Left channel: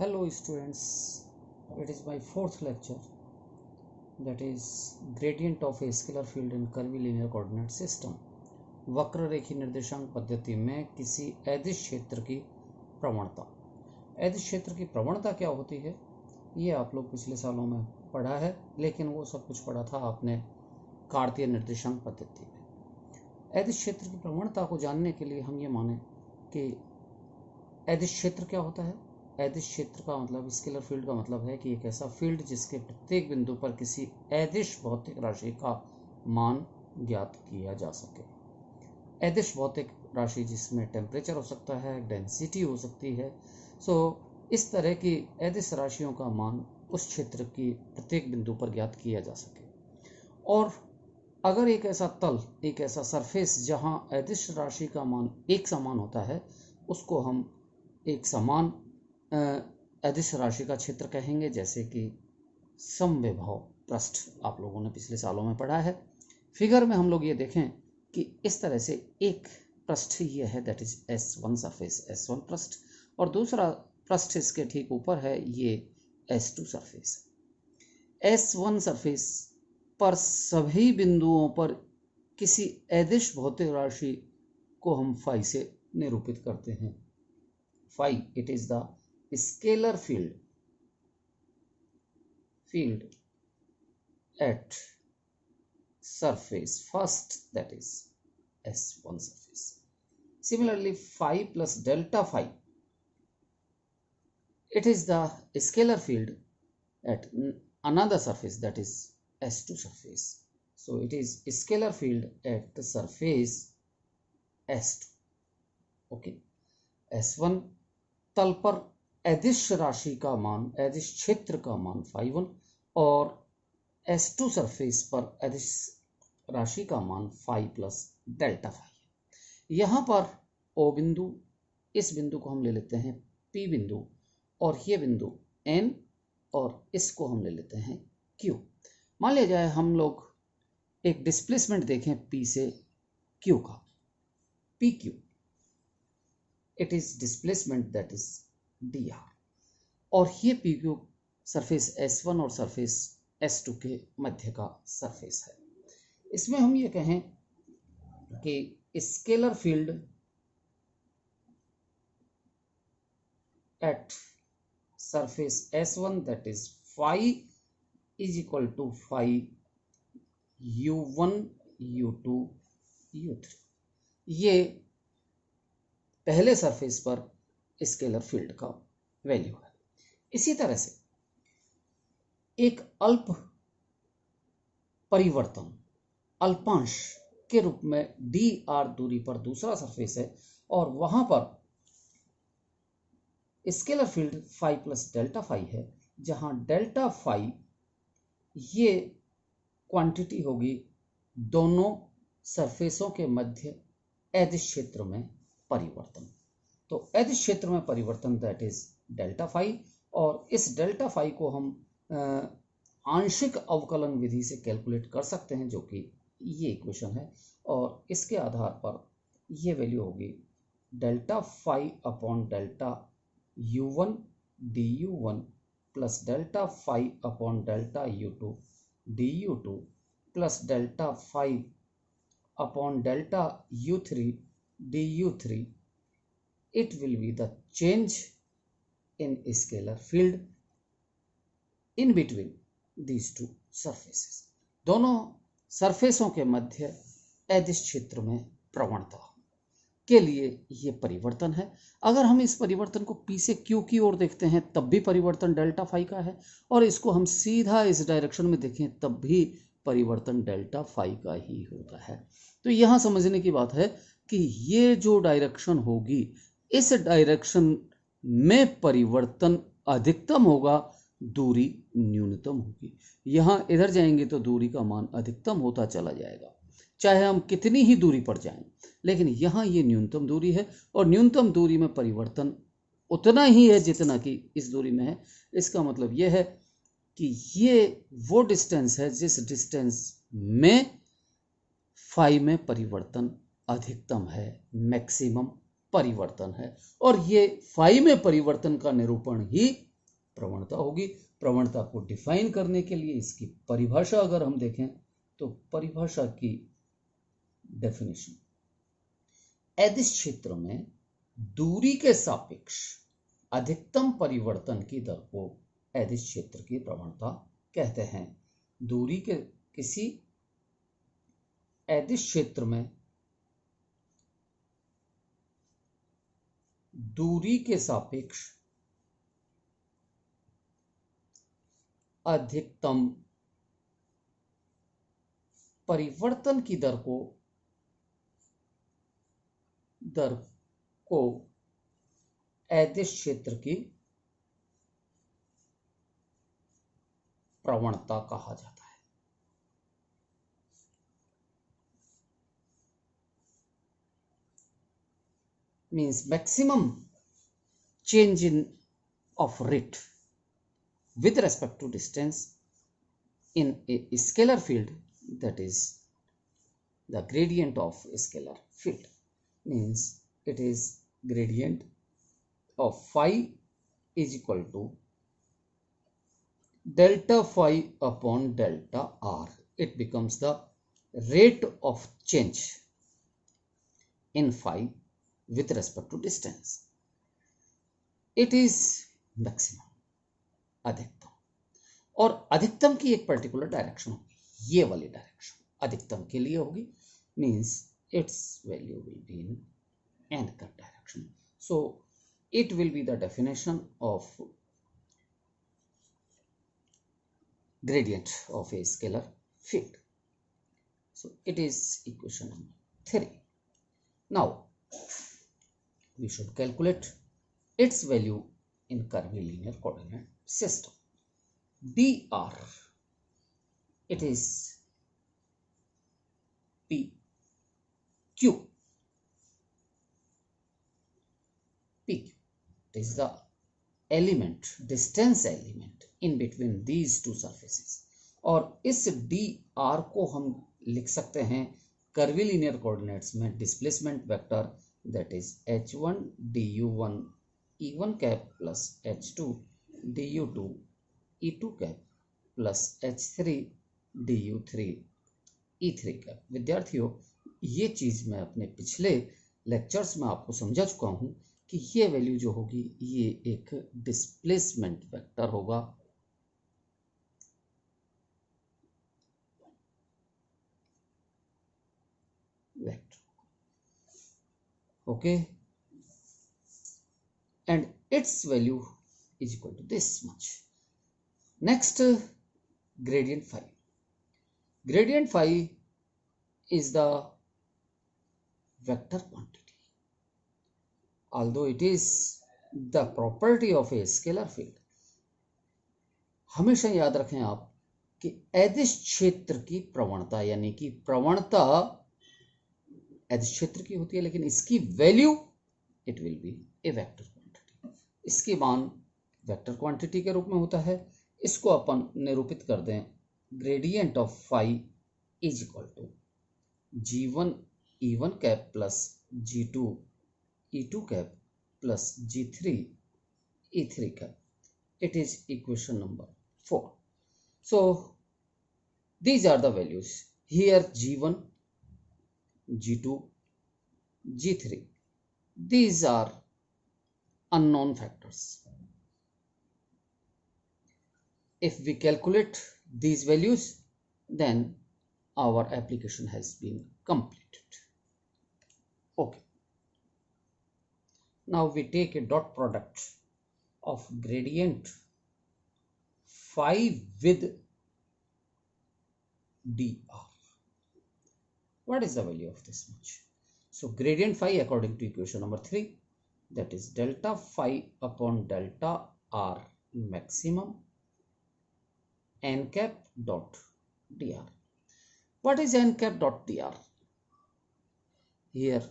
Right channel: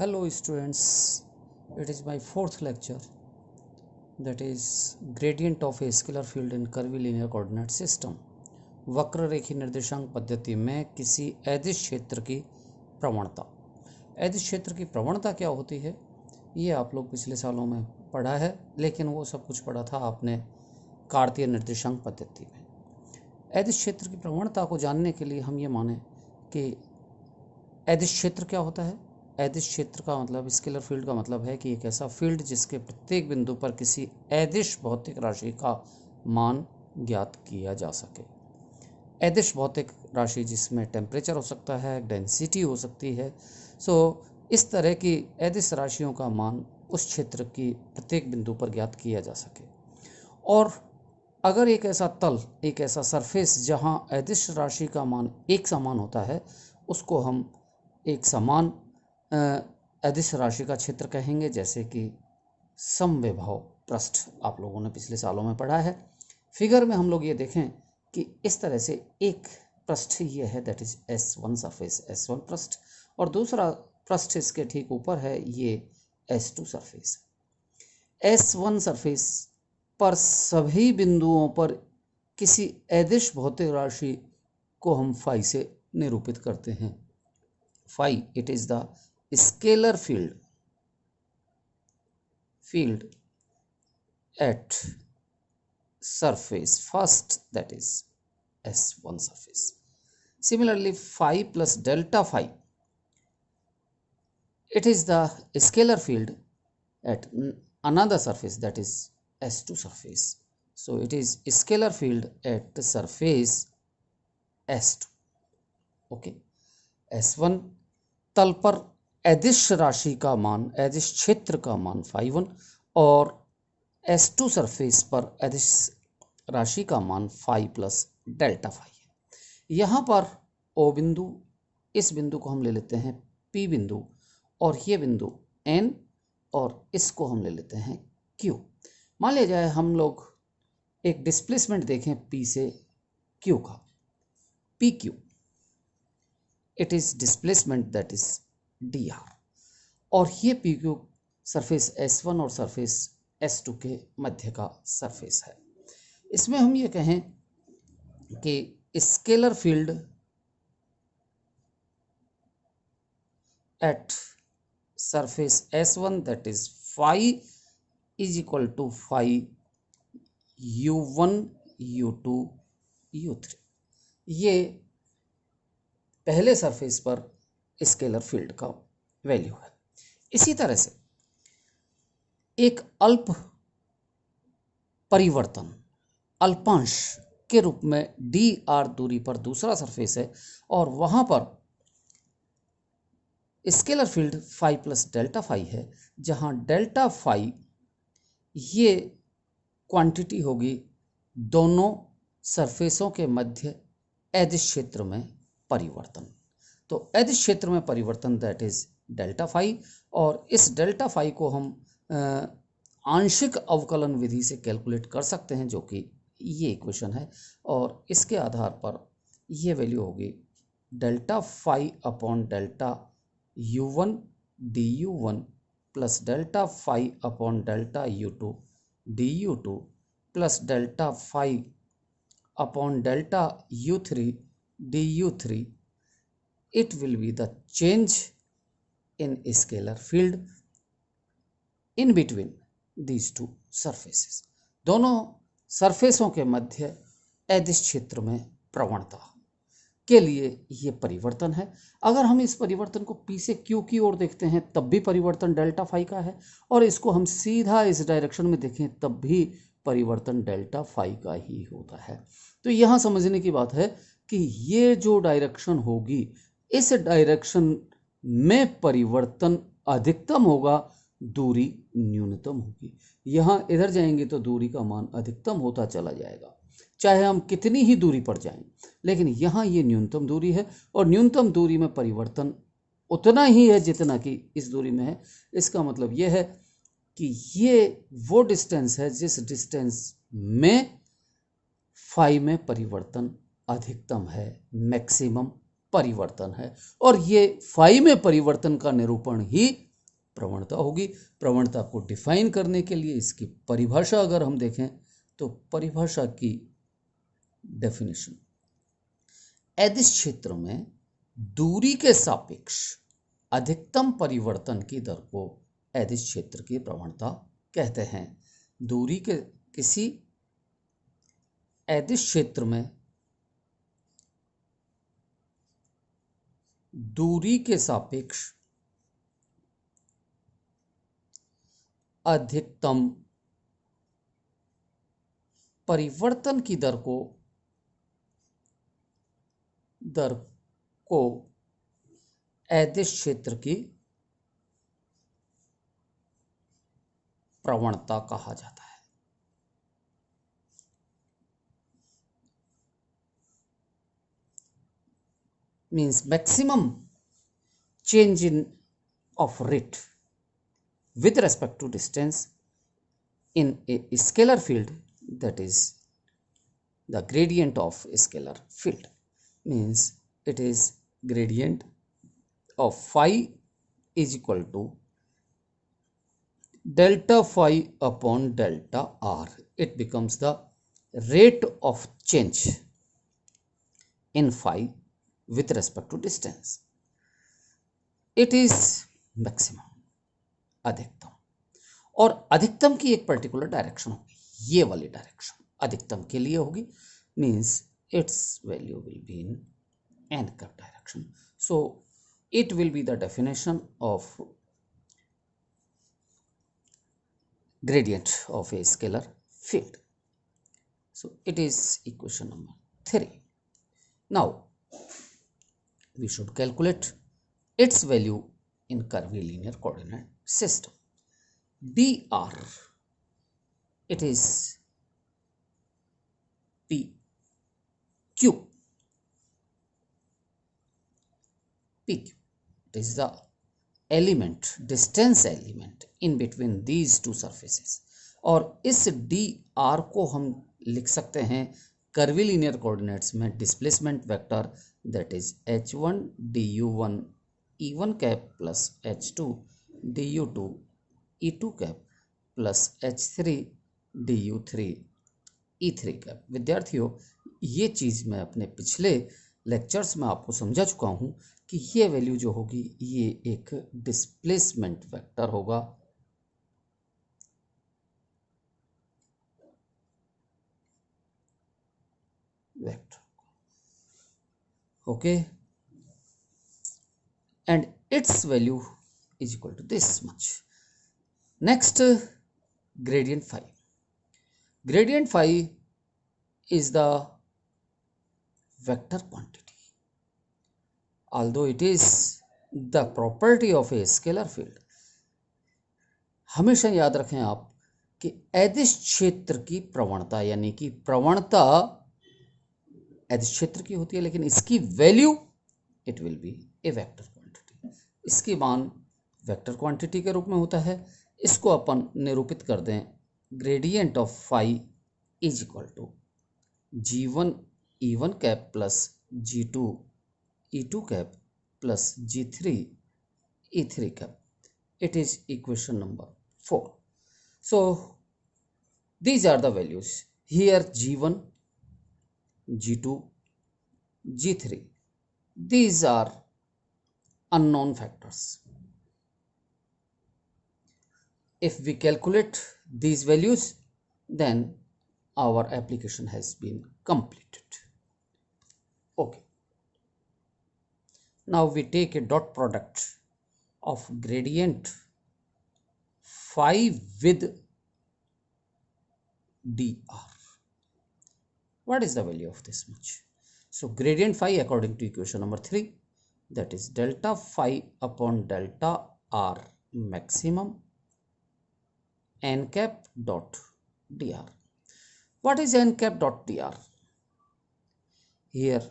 Hello students, it is my fourth lecture, that is gradient of a scalar field in curvilinear coordinate system। वक्र रेखी निर्देशांक पद्धति में किसी अदिश क्षेत्र की प्रवणता। अदिश क्षेत्र की प्रवणता क्या होती है ये आप लोग पिछले सालों में पढ़ा है, लेकिन वो सब कुछ पढ़ा था आपने कार्तीय निर्देशांक पद्धति में। अदिश क्षेत्र की प्रवणता को जानने के लिए हम ये माने कि अदिश क्षेत्र क्या होता है। अदिश क्षेत्र का मतलब, स्केलर फील्ड का मतलब है कि एक ऐसा फील्ड जिसके प्रत्येक बिंदु पर किसी अदिश भौतिक राशि का मान ज्ञात किया जा सके। अदिश भौतिक राशि जिसमें टेम्परेचर हो सकता है, डेंसिटी हो सकती है। इस तरह की अदिश राशियों का मान उस क्षेत्र की प्रत्येक बिंदु पर ज्ञात किया जा सके। और अगर एक ऐसा तल, एक ऐसा सरफेस जहां अदिश राशि का मान एक समान होता है, उसको हम एक समान अदिश राशि का क्षेत्र कहेंगे, जैसे कि समविभव पृष्ठ आप लोगों ने पिछले सालों में पढ़ा है। फिगर में हम लोग ये देखें कि इस तरह से एक पृष्ठ ये है, that is S1 surface, S1 पृष्ठ, और दूसरा पृष्ठ इसके ठीक ऊपर है, ये S2 सरफेस। S1 सरफेस पर सभी बिंदुओं पर किसी अदिश भौतिक राशि को हम फाई से निरूपित करते हैं। Phi, it is the scalar field at surface first, that is S1 surface. Similarly, phi plus delta phi, it is the scalar field at another surface, that is S2 surface. So it is scalar field at the surface S2. okay, S1 तल पर अदिश राशि का मान, अदिश क्षेत्र का मान phi1, और S2 सरफेस पर अदिश राशि का मान phi प्लस डेल्टा phi है। यहाँ पर O बिंदु, इस बिंदु को हम ले लेते हैं P बिंदु, और ये बिंदु N, और इसको हम ले लेते हैं Q। मान लिया जाए हम लोग एक डिस्प्लेसमेंट देखें P से Q का, PQ, it is displacement, that is dr, और ये PQ सरफेस S1 और सरफेस S2 के मध्य का सरफेस है। इसमें हम ये कहें कि scalar field at surface S1, that is phi is equal to phi U1 U2 U3, ये पहले सरफेस पर स्केलर फील्ड का वैल्यू है। इसी तरह से एक अल्प परिवर्तन, अल्पांश के रूप में dr दूरी पर दूसरा सरफेस है, और वहां पर scalar field phi plus delta phi है, जहां डेल्टा phi ये क्वांटिटी होगी दोनों सरफेसों के मध्य अदिश क्षेत्र में परिवर्तन। तो अदिश क्षेत्र में परिवर्तन, दैट इज डेल्टा phi, और इस डेल्टा phi को हम आंशिक अवकलन विधि से कैलकुलेट कर सकते हैं, जो कि ये इक्वेशन है, और इसके आधार पर ये वैल्यू होगी delta phi upon delta U1 du1 plus delta phi upon delta U2 du2 plus delta phi upon delta U3 du3. It will be the change in scalar field in between these two surfaces. दोनों सरफेसों के मध्य अदिश क्षेत्र में प्रवणता के लिए ये परिवर्तन है। अगर हम इस परिवर्तन को P से Q की ओर देखते हैं तब भी परिवर्तन डेल्टा phi का है, और इसको हम सीधा इस डायरेक्शन में देखें तब भी परिवर्तन डेल्टा phi का ही होता है। तो यहाँ समझने की बात है कि ये जो डायरेक्शन होगी, इस डायरेक्शन में परिवर्तन अधिकतम होगा, दूरी न्यूनतम होगी। यहाँ इधर जाएंगे तो दूरी का मान अधिकतम होता चला जाएगा, चाहे हम कितनी ही दूरी पर जाएं, लेकिन यहाँ ये न्यूनतम दूरी है, और न्यूनतम दूरी में परिवर्तन उतना ही है जितना कि इस दूरी में है। इसका मतलब ये है कि ये वो डिस्टेंस है जिस डिस्टेंस में phi में परिवर्तन अधिकतम है, मैक्सिमम परिवर्तन है, और ये phi में परिवर्तन का निरूपण ही प्रवणता होगी। प्रवणता को डिफाइन करने के लिए इसकी परिभाषा अगर हम देखें तो परिभाषा की डेफिनेशन, अदिश क्षेत्र में दूरी के सापेक्ष अधिकतम परिवर्तन की दर को अदिश क्षेत्र की प्रवणता कहते हैं। दूरी के किसी अदिश क्षेत्र में दूरी के सापेक्ष अधिकतम परिवर्तन की दर को अदिश क्षेत्र की प्रवणता कहा जाता है। Means maximum change in of rate with respect to distance in a scalar field, that is the gradient of scalar field, means it is gradient of phi is equal to delta phi upon delta r. It becomes the rate of change in phi with respect to distance. It is maximum, अधिकतम, और अधिकतम की एक particular direction होगी, ये वाली डायरेक्शन अधिकतम के लिए होगी, means it's value will be in an cut direction. So it will be the definition of gradient of a scalar field. So it is equation number 3. Now we should calculate its value in curvilinear coordinate system. dr, it is pq. pq, it is the element, distance element in between these two surfaces. और इस dr को हम लिख सकते हैं curvilinear coordinates में displacement vector, that is h1 du1 e1 cap plus h2 du2 e2 cap plus h3 du3 e3 cap. विद्यार्थियों, ये चीज मैं अपने पिछले लेक्चर्स में आपको समझा चुका हूं कि ये वैल्यू जो होगी ये एक डिस्प्लेसमेंट वेक्टर होगा. Okay, and its value is equal to this much. Next, gradient phi. Gradient phi is the vector quantity, although it is the property of a scalar field. हमेशा याद रखें आप कि अदिश क्षेत्र की प्रवणता, यानी कि प्रवणता अदिश क्षेत्र की होती है, लेकिन इसकी value it will be A vector quantity. इसकी मान वेक्टर क्वांटिटी के रूप में होता है. इसको अपन निरूपित कर दें, gradient of phi is equal to g1 e1 cap plus g2 e2 cap plus g3 e3 cap. It is equation number 4. So these are the values here: g1, g2, g3. These are unknown factors. If we calculate these values, then our application has been completed. Okay. Now we take a dot product of gradient phi with dr. What is the value of this much? So gradient phi according to equation number 3, that is delta phi upon delta r maximum n cap dot dr. What is n cap dot dr? Here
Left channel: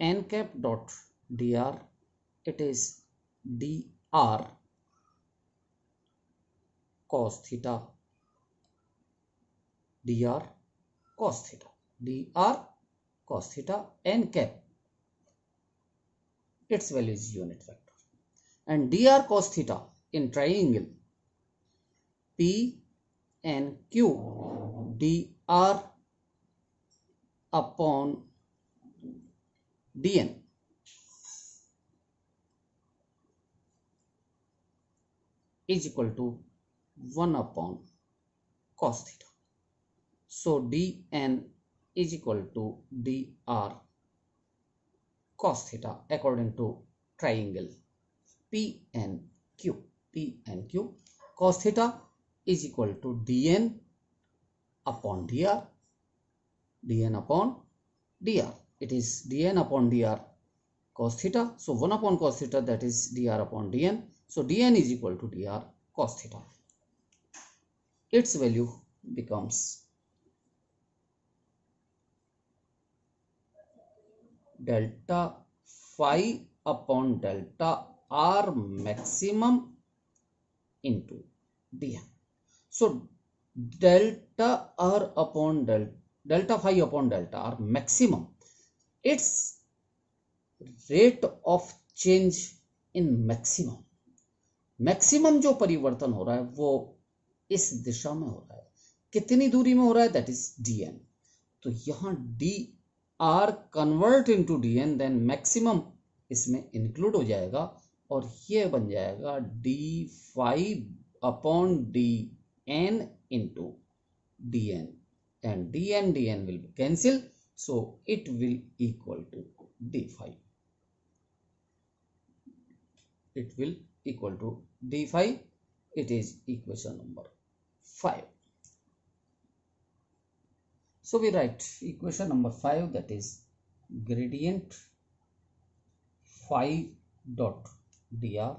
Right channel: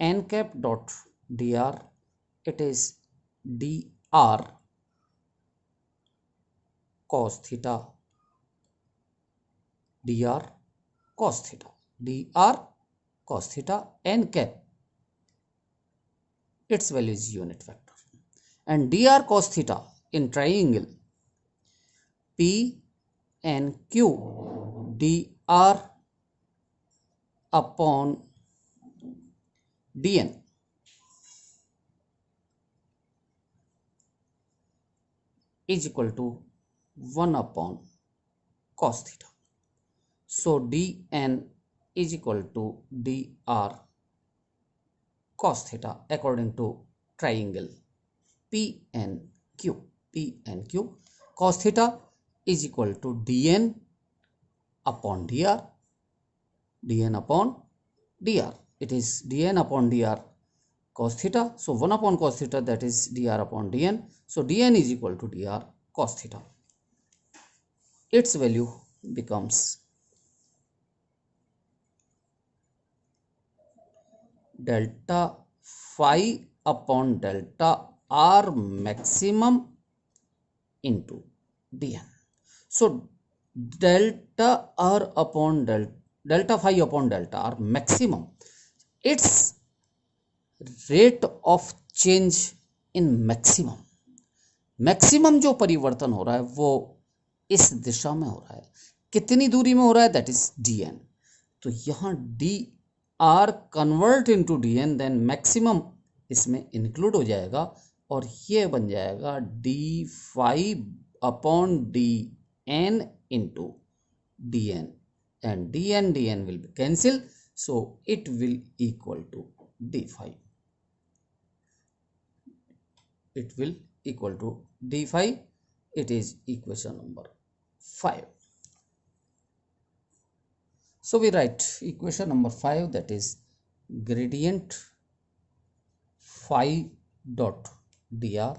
n cap dot dr, it is dr cos theta, dr cos theta, dr cos theta n cap. Its value is unit vector, and dr cos theta in triangle P and Q, dr upon dn is equal to 1 upon cos theta. So dn is equal to dr cos theta according to triangle P and Q. P and Q. Cos theta is equal to dn upon dr, dn upon dr. It is dn upon dr cos theta. So 1 upon cos theta, that is dr upon dn. So dn is equal to dr cos theta. Its value becomes delta phi upon delta r maximum into dn. So delta r upon delta phi upon delta r maximum, its rate of change in maximum. Maximum जो परिवर्तन हो रहा है वो इस दिशा में हो रहा है, कितनी दूरी में हो रहा है, दैट इज dn. तो यहाँ dr convert into dn, then maximum इसमें इंक्लूड हो जाएगा और ये बन जाएगा d phi upon dn into dn, and dn will be cancelled, so it will equal to d phi. It will equal to d phi. It is equation number 5. So we write equation number 5, that is gradient phi dot dr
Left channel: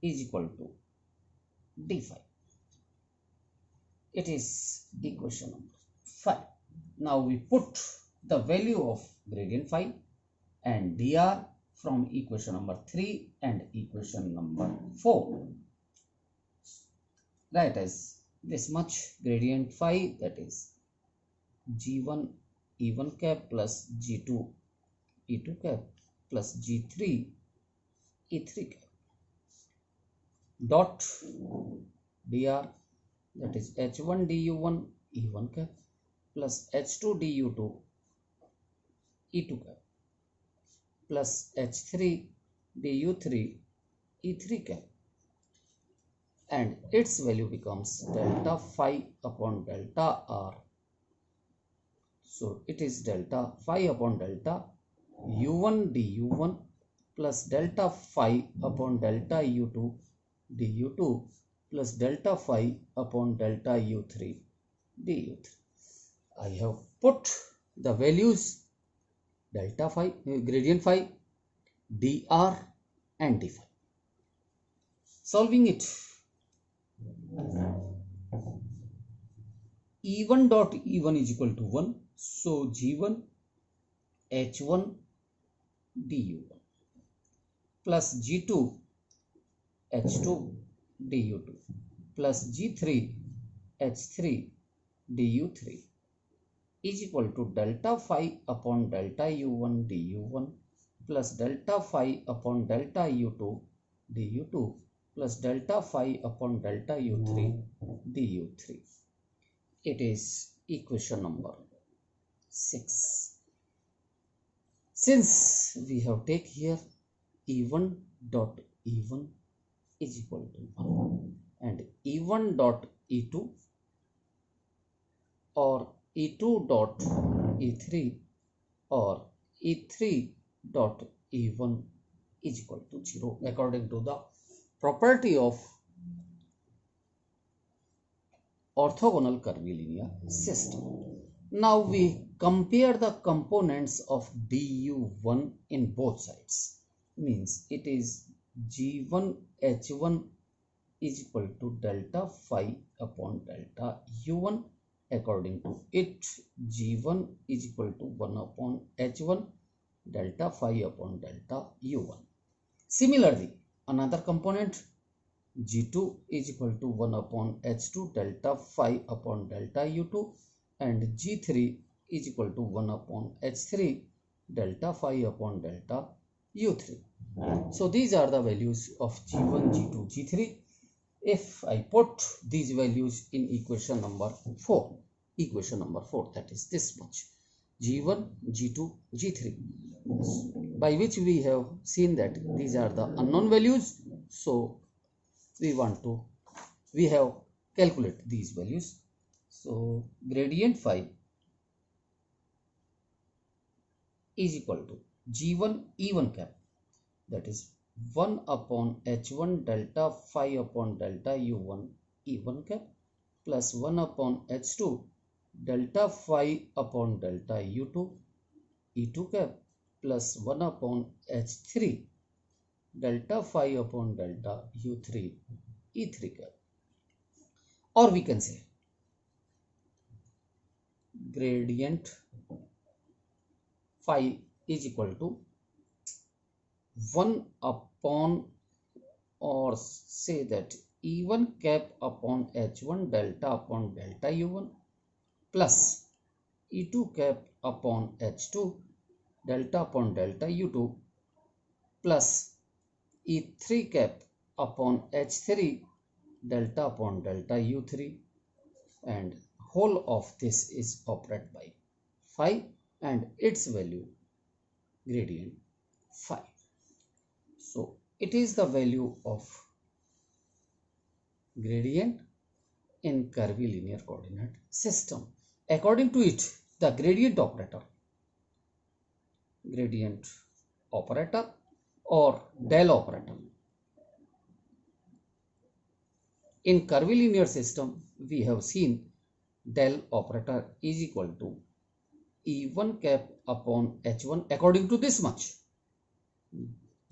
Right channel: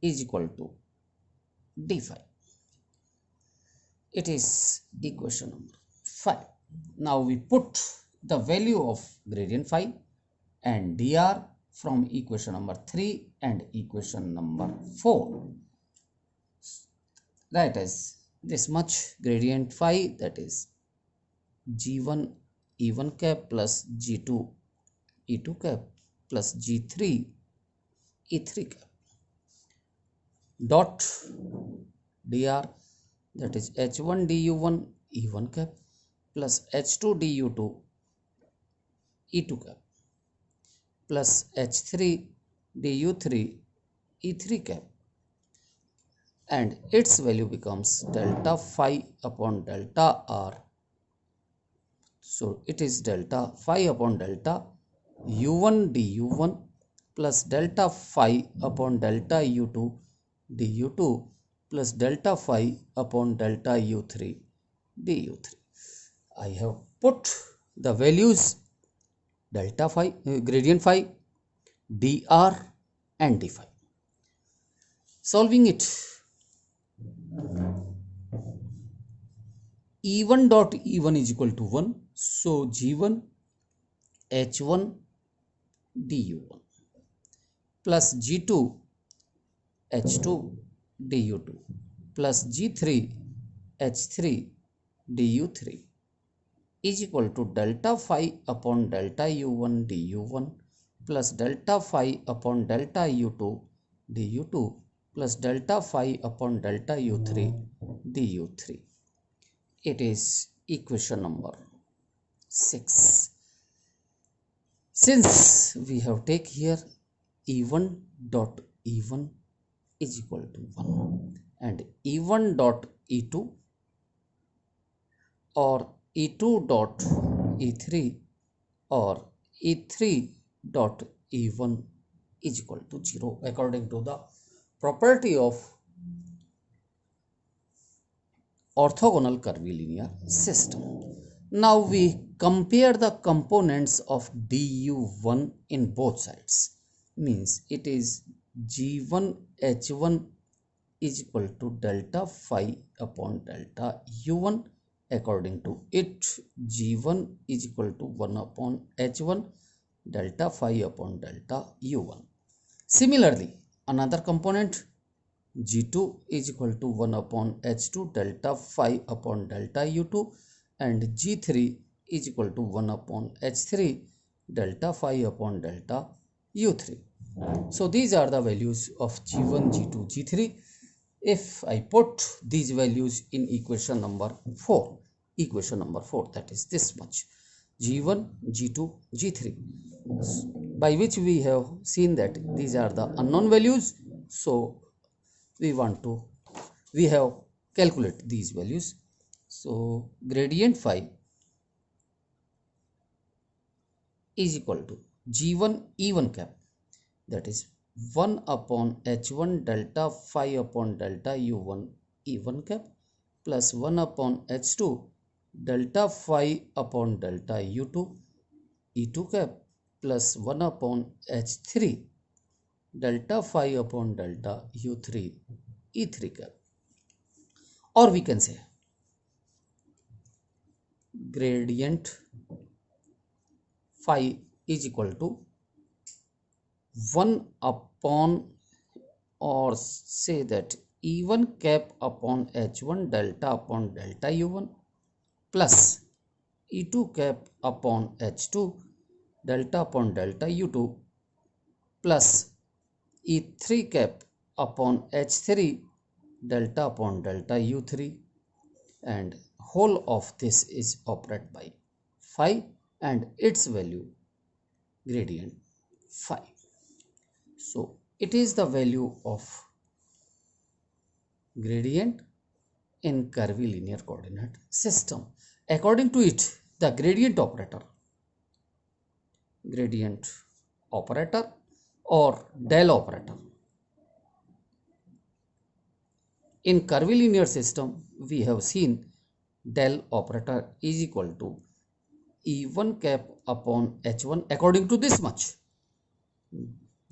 is equal to d phi. It is equation number 5. Now we put the value of gradient phi and dr from equation number 3 and equation number 4. Right as this much gradient phi, that is g1 e1 cap plus g2 e2 cap plus g3 e3 cap dot dr, that is h1 du1 e1 cap plus h2 du2 e2 cap plus h3 du3 e3 cap, and its value becomes delta phi upon delta r. So it is delta phi upon delta u1 du1 plus delta phi upon delta u2 du2 plus delta phi upon delta u3 du3. I have put the values delta phi, gradient phi, dr and d phi. Solving it, e1 dot e1 is equal to 1, so g1 h1 du1 plus g2 h2 du2 plus g3 h3 du3 is equal to delta phi upon delta u1 du1 plus delta phi upon delta u2 du2 plus delta phi upon delta u3 du3. It is equation number 6. Since we have take here e1 dot e1 is equal to 1 and e1 dot e2 or e2 dot e3 or e3 dot e1 is equal to 0 according to the property of orthogonal curvilinear system. Now we compare the components of du1 in both sides. Means it is g1 h1 is equal to delta phi upon delta u1. According to it, g1 is equal to 1 upon h1 delta phi upon delta u1. Similarly, another component g2 is equal to 1 upon h2 delta phi upon delta u2, and g3 is equal to 1 upon h3 delta phi upon delta u3. So these are the values of G1, G2, G3. If I put these values in equation number 4, that is this much, G1, G2, G3, by which we have seen that these are the unknown values. So we have calculate these values. So gradient phi is equal to G1 E1 cap, that is 1 upon H1 delta phi upon delta U1 E1 cap plus 1 upon H2 delta phi upon delta U2 E2 cap plus 1 upon H3 delta phi upon delta U3 E3 cap. Or we can say gradient phi is equal to 1 upon, or say that E1 cap upon H1 delta upon delta U1 plus E2 cap upon H2 delta upon delta U2 plus E3 cap upon H3 delta upon delta U3, and whole of this is operated by phi and its value gradient phi. So it is the value of gradient in curvilinear coordinate system. According to it, the gradient operator or del operator in curvilinear system, we have seen del operator is equal to E1 cap upon H1 according to this much,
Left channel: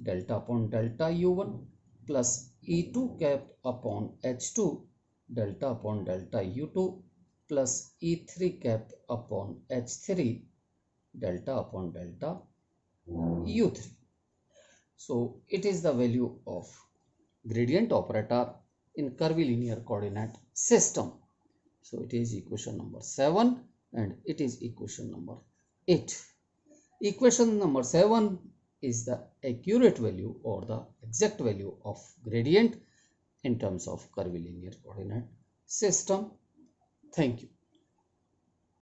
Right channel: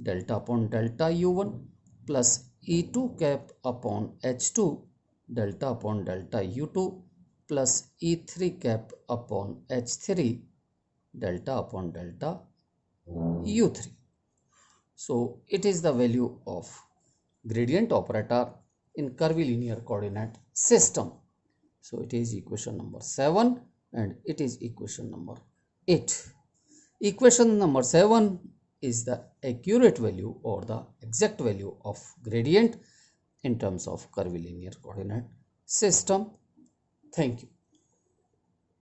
delta upon delta U1 plus E2 cap upon H2 delta upon delta U2 plus E3 cap upon H3 delta upon delta U3. So it is the value of gradient operator in curvilinear coordinate system. So it is equation number 7 and it is equation number 8. Equation number 7 is the accurate value or the exact value of gradient in terms of curvilinear coordinate system. Thank you.